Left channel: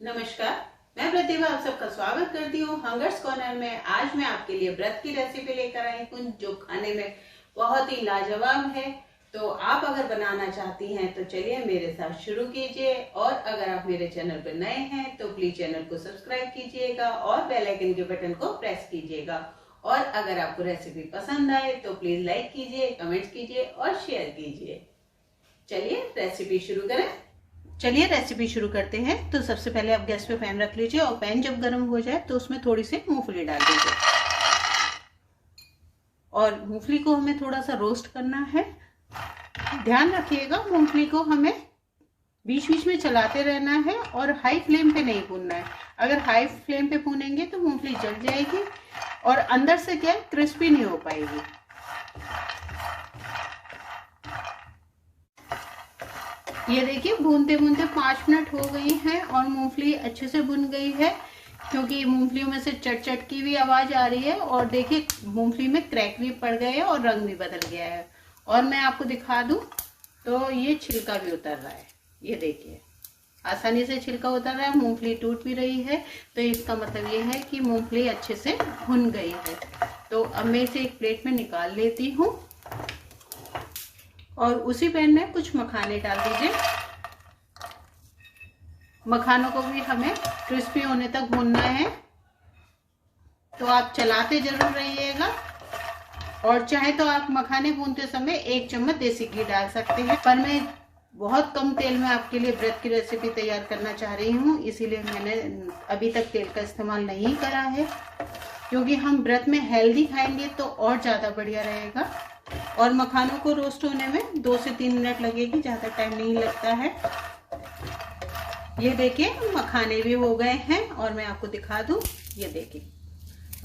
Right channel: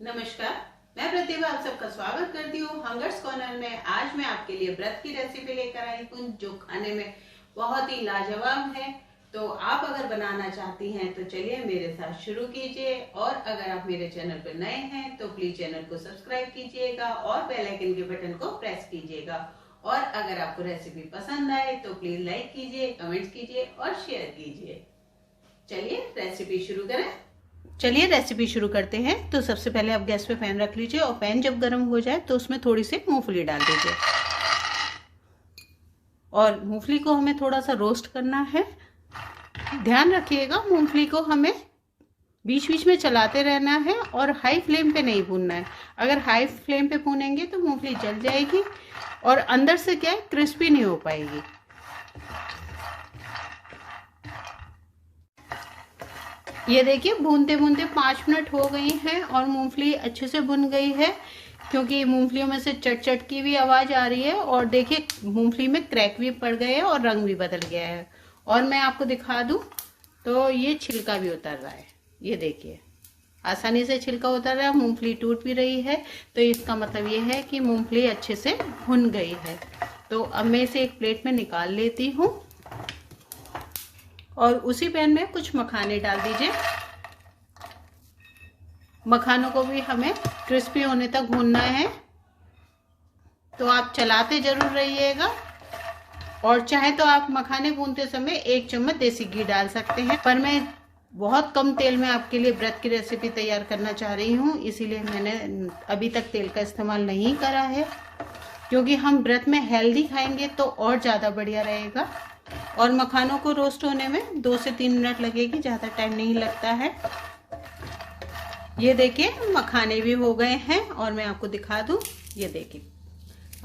नमस्कार, मैं प्रतिभा आप सबका स्वागत करती हूँ हंगर्स कॉर्नर में। आज मैं आपके लिए व्रत की रेसिपी लेकर आई हूँ जो खाने में बहुत ही लाजवाब है। तो आप अगर बनाना चाहती हैं तो चलिए मेरे साथ शुरू कीजिए। और अगर आप मेरे चैनल पर नए हैं तो प्लीज चैनल को सब्सक्राइब कीजिएगा और बेल आइकन के बटन को प्रेस कीजिएगा। और अगर आपको रेसिपी पसंद आए तो प्लीज लाइक कीजिए, कमेंट कीजिए और शेयर कीजिए। चलिए रेसिपी शुरू करते हैं। तो सबसे पहले आप गैस पे पैन रख लीजिए और पैन जब गर्म हो जाए तो उसमें थोड़ी सी मूंगफली डाल दीजिए। और मूंगफली को हमें थोड़ा सा रोस्ट करना है। ध्यान रखिएगा, मूंगफली को हमें बीच बीच में चलाते रहना है और हाई फ्लेम पे नहीं भूनना है। अगर हाई फ्लेम पे भूनेंगे तो मूंगफली जल जाएगी और अंदर से क्या क्रिस्पी नहीं हो पाएगी। ये देखिए भूनते भूनते 5 मिनट हो गई हैं और मूंगफली अच्छे से भुन गई है, क्योंकि मूंगफलियों में से चट चट की भी आवाज आ रही है। और देखिए मूंगफली में क्रैक भी पड़ गए हैं और रंग भी बदल गया है। और मैं आपको दिखा दूं तो ये छिलका भी उतर रहा है। ये देखिए आसानी से छिलका उतर रहा है, मूंगफली टूट भी रही है। तो इसका मतलब ये है कि मूंगफली अच्छे से भुन गई है। तो अब मैं इसे एक प्लेट में निकाल लेती हूँ और उसी पैन में कुछ मखाने डाल दीजिए। मखानों को भी हमें क्रिस्पी होने तक भूनना है। तो आप चलाते जरूर रहिएगा। और चाहे तो आप मखाने भूनते समय 1 चम्मच देसी घी डाल सकते हैं, पर मैं बहुत कम तेल में आपके लिए व्रत की रेसिपी तैयार करना चाह रही हूँ, इसीलिए मैंने अभी तक तेल का इस्तेमाल नहीं करा है। क्योंकि हम व्रत में हेल्दी खाएंगे तो और ज़्यादा बढ़िया रहेगा। और मखानों को रोस्ट होने में 2 से 3 मिनट लगेगी, ज़्यादा टाइम नहीं लगता है। ये देखिए मखाने भी हो गए हैं और मैं आपको दिखा दूं, ये देखिए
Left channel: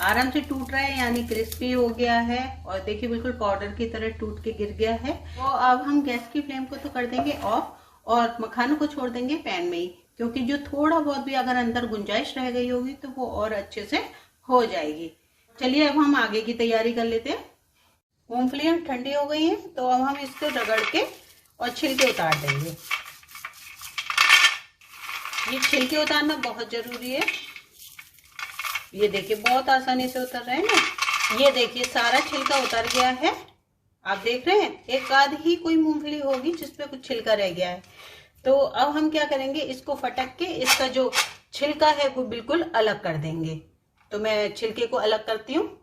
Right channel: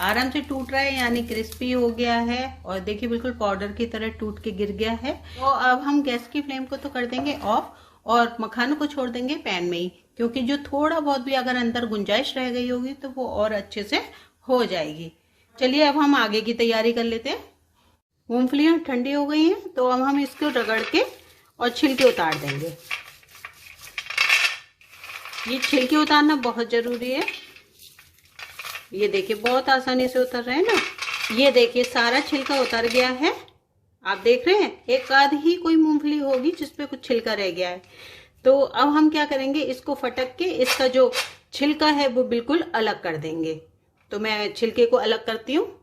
आराम से टूट रहा है, यानी क्रिस्पी हो गया है। और देखिए बिल्कुल पाउडर की तरह टूट के गिर गया है। तो अब हम गैस की फ्लेम को तो कर देंगे ऑफ और मखानों को छोड़ देंगे पैन में ही, क्योंकि जो थोड़ा बहुत भी अगर अंदर गुंजाइश रह गई होगी तो वो और अच्छे से हो जाएगी। चलिए अब हम आगे की तैयारी कर लेते हैं। मूंगफलियां ठंडी हो गई हैं तो अब हम इसको रगड़ के और छिलके उतार देंगे। ये छिलके उतारना बहुत जरूरी है। ये देखिए बहुत आसानी से उतर रहे हैं ना। ये देखिए सारा छिलका उतर गया है। आप देख रहे हैं एक आध ही कोई मूंगफली होगी जिसपे कुछ छिलका रह गया है। तो अब हम क्या करेंगे, इसको फटक के इसका जो छिलका है वो बिल्कुल अलग कर देंगे। तो मैं छिलके को अलग करती हूँ।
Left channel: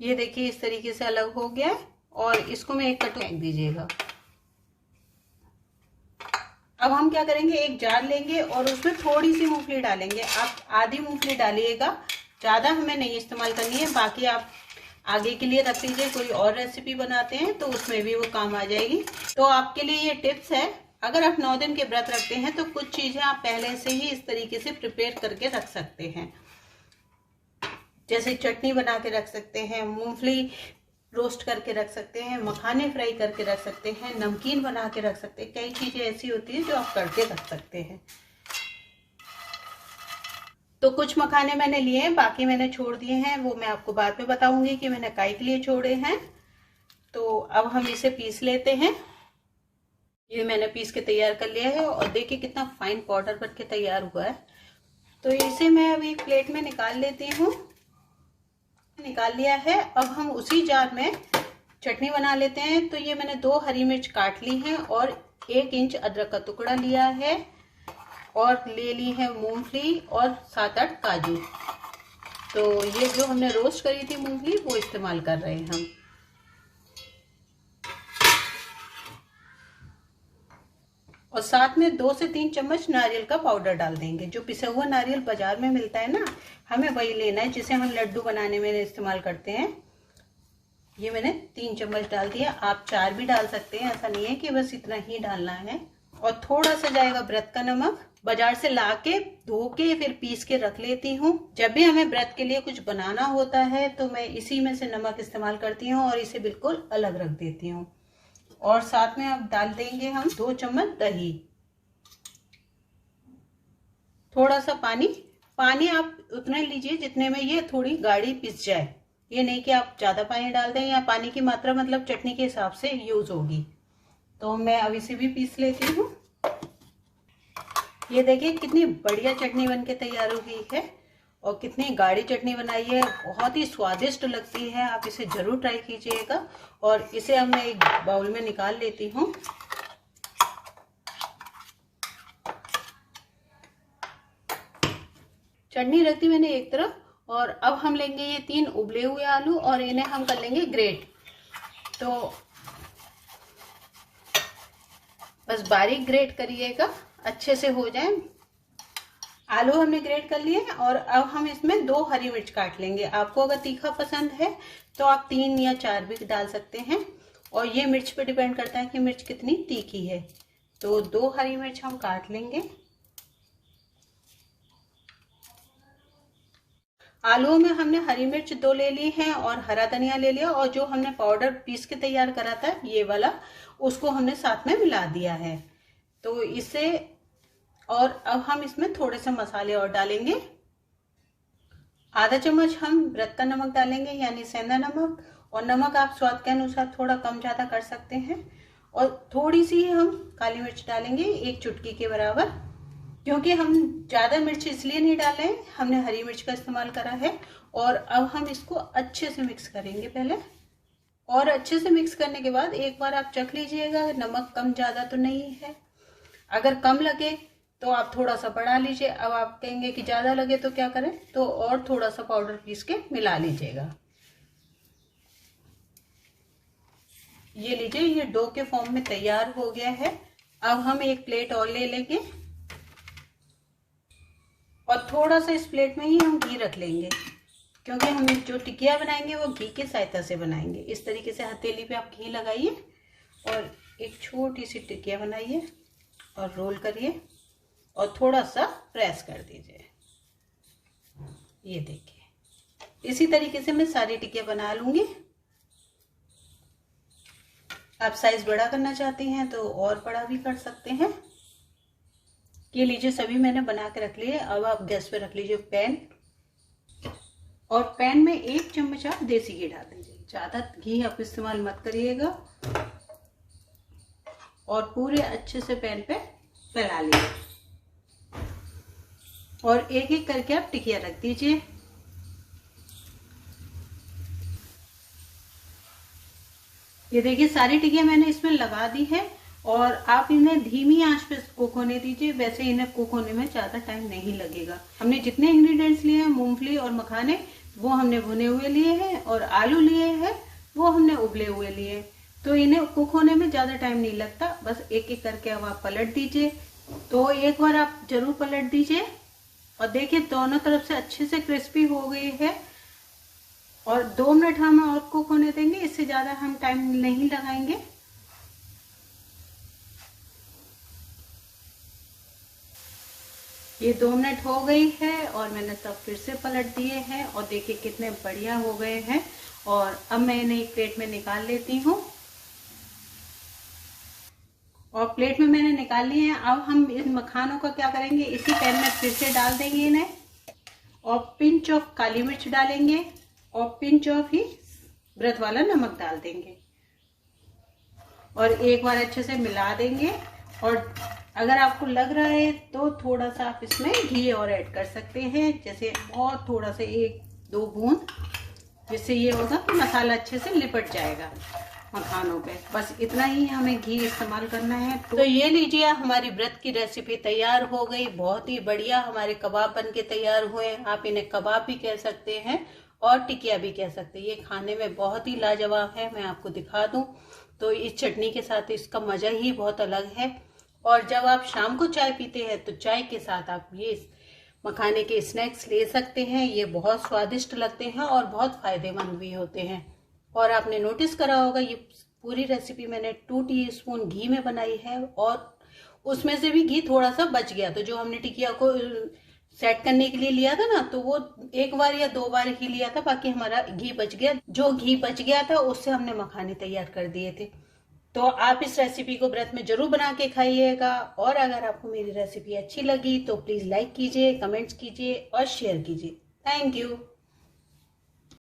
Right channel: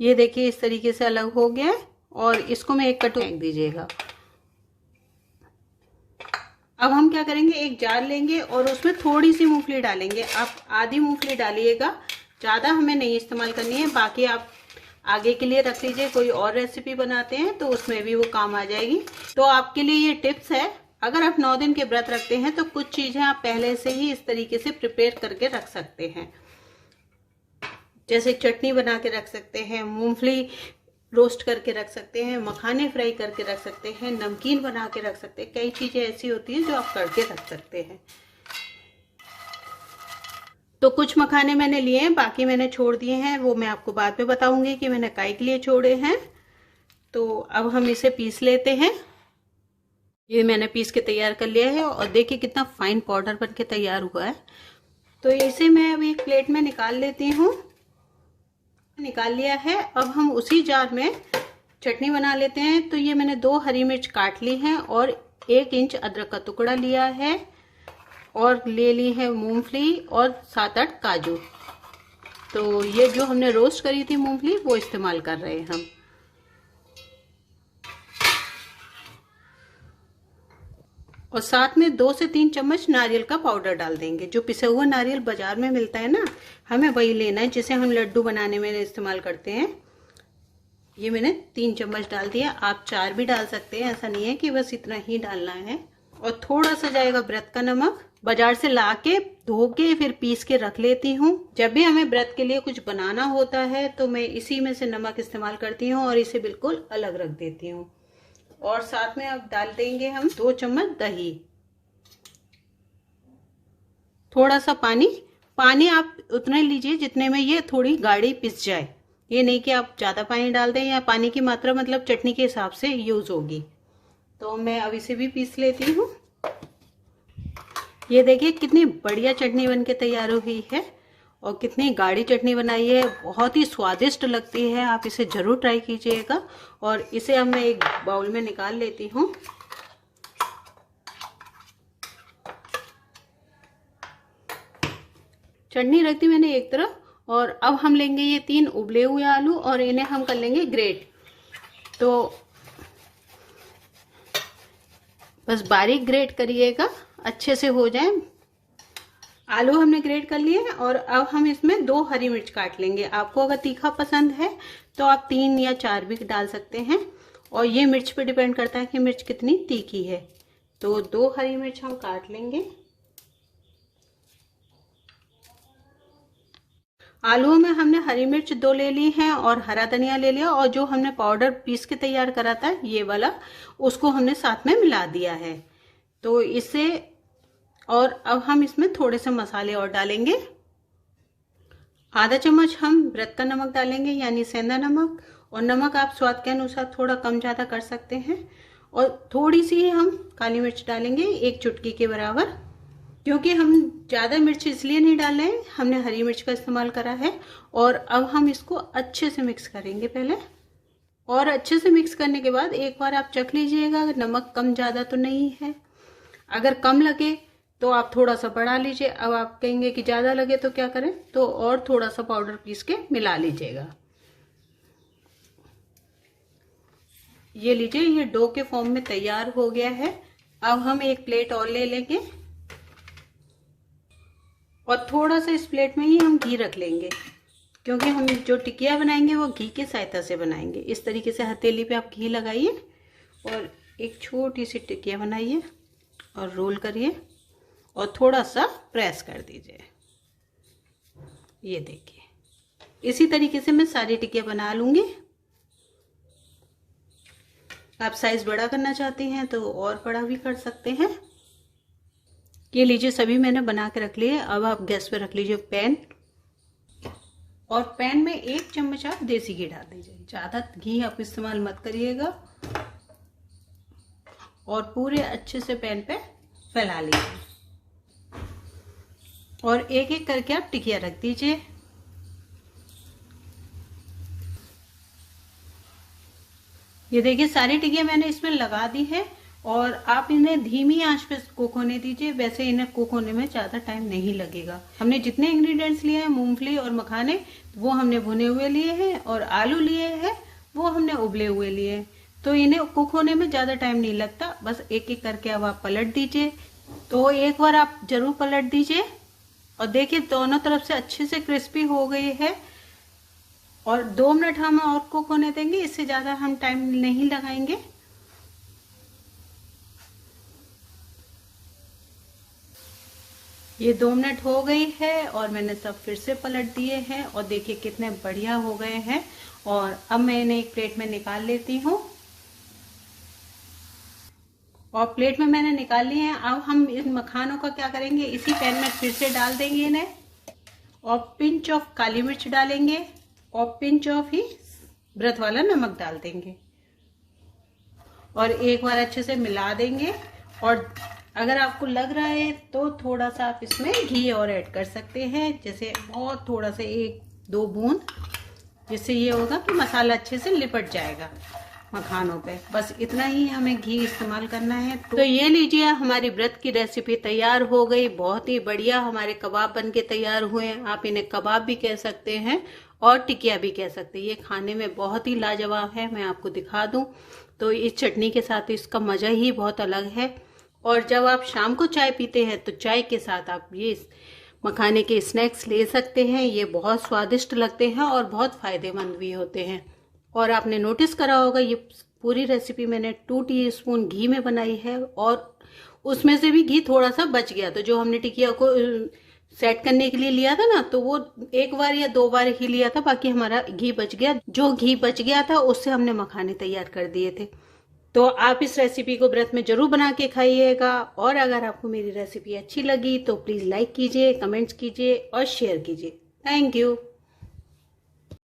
ये देखिए इस तरीके से अलग हो गया है और इसको मैं एक कटोरी फेंक दीजिएगा। अब हम क्या करेंगे, एक जार लेंगे और उसमें थोड़ी सी मूंगफली डालेंगे। आप आधी मूंगफली डालिएगा, ज़्यादा हमें नहीं इस्तेमाल करनी है। बाकी आप आगे के लिए रख लीजिए, कोई और रेसिपी बनाते हैं तो उसमें भी वो काम आ जाएगी। तो आपके लिए ये टिप्स है, अगर आप 9 दिन के व्रत रखते हैं तो कुछ चीज़ें आप पहले से ही इस तरीके से प्रिपेयर करके रख सकते हैं। जैसे चटनी बना के रख सकते हैं, मूंगफली रोस्ट करके रख सकते हैं, मखाने फ्राई करके रख सकते हैं, नमकीन बना के रख सकते हैं। कई चीजें ऐसी होती हैं जो आप करके रख सकते हैं। तो कुछ मखाने मैंने लिए हैं, बाकी मैंने छोड़ दिए हैं। वो मैं आपको बाद में बताऊंगी कि मैंने काई के लिए छोड़े हैं। तो अब हम इसे पीस लेते हैं। ये मैंने पीस के तैयार कर लिया है और देखिए कितना फाइन पाउडर बन के तैयार हुआ है। तो इसे मैं अभी एक प्लेट में निकाल लेती हूँ। निकाल लिया है। अब हम उसी जार में चटनी बना लेते हैं। तो ये मैंने 2 हरी मिर्च काट ली हैं और 1 इंच अदरक का टुकड़ा लिया है और ले ली है मूंगफली और 7-8 काजू। तो ये जो हमने रोस्ट करी थी मूंगफली वो इस्तेमाल कर रहे हैं हम। और साथ में 2 से 3 चम्मच नारियल का पाउडर डाल देंगे। जो पिसा हुआ नारियल बाजार में मिलता है ना, हमें वही लेना है जिसे हम लड्डू बनाने में इस्तेमाल करते हैं। ये मैंने 3 चम्मच डाल दिया। आप 4 भी डाल सकते हैं, ऐसा नहीं है कि बस इतना ही डालना है। और थोड़ा सा जाएगा व्रत का नमक, बाजार से लाके धो के फिर पीस के रख लेती हूँ। जब भी हमें व्रत के लिए कुछ बनाना होता है तो मैं इसी में से नमक इस्तेमाल करती हूँ और इसे बिल्कुल अलग रख देती हूँ। और साथ में अब डाल देंगे हम 2 चम्मच दही, थोड़ा सा पानी। पानी आप उतना लीजिए जितने में ये थोड़ी गाढ़ी पिस जाए। ये नहीं कि आप ज्यादा पानी डाल दें, या पानी की मात्रा मतलब चटनी के हिसाब से यूज होगी। तो मैं अब इसे भी पीस लेती हूँ। ये देखिए कितनी बढ़िया चटनी बनके तैयार हो गई है और कितनी गाढ़ी चटनी बनाई है, बहुत ही स्वादिष्ट लगती है। आप इसे जरूर ट्राई कीजिएगा। और इसे अब मैं एक बाउल में निकाल लेती हूँ। चटनी रख दी मैंने एक तरफ, और अब हम लेंगे ये 3 उबले हुए आलू और इन्हें हम कर लेंगे ग्रेट। तो बस बारीक ग्रेट करिएगा, अच्छे से हो जाए। आलू हमने ग्रेट कर लिए और अब हम इसमें 2 हरी मिर्च काट लेंगे। आपको अगर तीखा पसंद है तो आप 3 या 4 भी डाल सकते हैं, और ये मिर्च पे डिपेंड करता है कि मिर्च कितनी तीखी है। तो 2 हरी मिर्च हम काट लेंगे। आलूओं में हमने हरी मिर्च 2 ले ली है और हरा धनिया ले लिया, और जो हमने पाउडर पीस के तैयार करा था ये वाला, उसको हमने साथ में मिला दिया है। तो इसे, और अब हम इसमें थोड़े से मसाले और डालेंगे। आधा चम्मच हम व्रत का नमक डालेंगे, यानी सेंधा नमक, और नमक आप स्वाद के अनुसार थोड़ा कम ज़्यादा कर सकते हैं। और थोड़ी सी हम काली मिर्च डालेंगे, 1 चुटकी के बराबर, क्योंकि हम ज़्यादा मिर्च इसलिए नहीं डाले हैं, हमने हरी मिर्च का इस्तेमाल करा है। और अब हम इसको अच्छे से मिक्स करेंगे पहले, और अच्छे से मिक्स करने के बाद एक बार आप चख लीजिएगा नमक कम ज़्यादा तो नहीं है। अगर कम लगे तो आप थोड़ा सा बढ़ा लीजिए। अब आप कहेंगे कि ज़्यादा लगे तो क्या करें, तो और थोड़ा सा पाउडर पीस के मिला लीजिएगा। ये लीजिए, ये डो के फॉर्म में तैयार हो गया है। अब हम एक प्लेट और ले लेंगे, और थोड़ा सा इस प्लेट में ही हम घी रख लेंगे, क्योंकि हम जो टिकिया बनाएंगे वो घी की सहायता से बनाएंगे। इस तरीके से हथेली पे आप घी लगाइए और एक छोटी सी टिकिया बनाइए और रोल करिए और थोड़ा सा प्रेस कर दीजिए। ये देखिए, इसी तरीके से मैं सारी टिकिया बना लूंगी। आप साइज बड़ा करना चाहते हैं तो और बड़ा भी कर सकते हैं। ये लीजिए, सभी मैंने बना के रख लिए। अब आप गैस पे रख लीजिए पैन, और पैन में 1 चम्मच आप देसी घी डाल दीजिए। ज़्यादा घी आप इस्तेमाल मत करिएगा, और पूरे अच्छे से पैन पे फैला लीजिए, और एक एक करके आप टिकिया रख दीजिए। ये देखिए, सारी टिकिया मैंने इसमें लगा दी है, और आप इन्हें धीमी आंच पे कुक होने दीजिए। वैसे इन्हें कुक होने में ज़्यादा टाइम नहीं लगेगा। हमने जितने इंग्रेडिएंट्स लिए हैं, मूंगफली और मखाने, वो हमने भुने हुए लिए हैं, और आलू लिए हैं वो हमने उबले हुए लिए। तो इन्हें कुक होने में ज़्यादा टाइम नहीं लगता। बस एक एक करके अब आप पलट दीजिए। तो एक बार आप जरूर पलट दीजिए, और देखिए दोनों तरफ से अच्छे से क्रिस्पी हो गई है। और 2 मिनट हम और कुक होने देंगे, इससे ज़्यादा हम टाइम नहीं लगाएंगे। ये 2 मिनट हो गई है, और मैंने सब फिर से पलट दिए हैं, और देखिए कितने बढ़िया हो गए हैं। और अब मैं इन्हें एक प्लेट में निकाल लेती हूँ, और प्लेट में मैंने निकाल लिए हैं। अब हम इन मखानों का क्या करेंगे, इसी पैन में फिर से डाल देंगे इन्हें, और पिंच ऑफ काली मिर्च डालेंगे, और पिंच ऑफ ही व्रत वाला नमक डाल देंगे, और एक बार अच्छे से मिला देंगे। और अगर आपको लग रहा है तो थोड़ा सा आप इसमें घी और ऐड कर सकते हैं, जैसे और थोड़ा सा 1-2 बूंद, जिससे ये होगा कि मसाला अच्छे से लिपट जाएगा मखानों पे। बस इतना ही हमें घी इस्तेमाल करना है। तो ये लीजिए, हमारी व्रत की रेसिपी तैयार हो गई। बहुत ही बढ़िया हमारे कबाब बन के तैयार हुए। आप इन्हें कबाब भी कह सकते हैं और टिकिया भी कह सकते हैं। ये खाने में बहुत ही लाजवाब है। मैं आपको दिखा दूं तो इस चटनी के साथ इसका मज़ा ही बहुत अलग है। और जब आप शाम को चाय पीते हैं तो चाय के साथ आप ये मखाने के स्नैक्स ले सकते हैं। ये बहुत स्वादिष्ट लगते हैं और बहुत फ़ायदेमंद भी होते हैं। और आपने नोटिस करा होगा, ये पूरी रेसिपी मैंने 2 टीस्पून घी में बनाई है, और उसमें से भी घी थोड़ा सा बच गया। तो जो हमने टिकिया को सेट करने के लिए लिया था ना, तो वो 1 बार या 2 बार ही लिया था, बाकी हमारा घी बच गया। जो घी बच गया था उससे हमने मखाने तैयार कर दिए थे। तो आप इस रेसिपी को व्रत में जरूर बना के खाइएगा। और अगर आपको मेरी रेसिपी अच्छी लगी तो प्लीज़ लाइक कीजिए, कमेंट्स कीजिए और शेयर कीजिए। Thank you.